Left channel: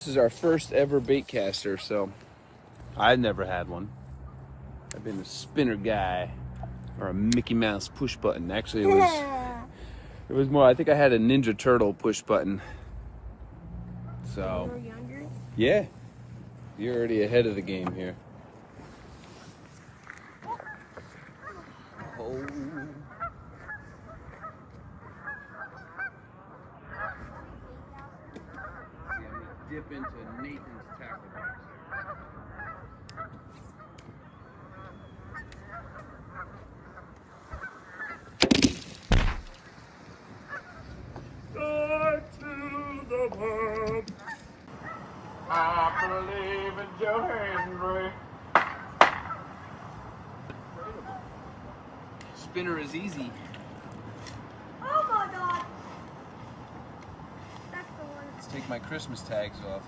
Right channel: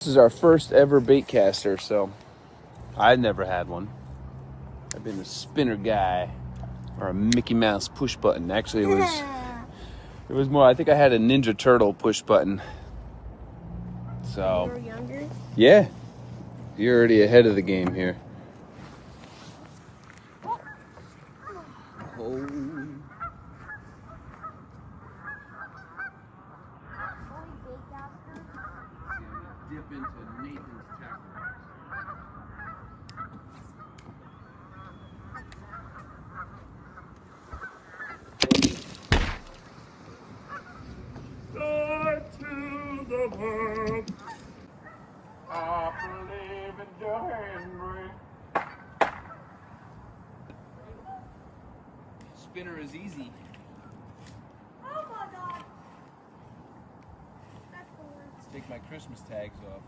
This is our first ever bait caster, so I've never had one. I've been a spinner guy or a Mickey Mouse push button. Actually, it was more. I think I had a Ninja Turtle push button. So when you were younger? yeah, you're already ahead of the game here. Oh. Dip into Nathan's tackle box. Joy to the world. I believe in Joe Hendry. Spinner is easy. Oh my god! That's the one. Let's take my Christmas tags off.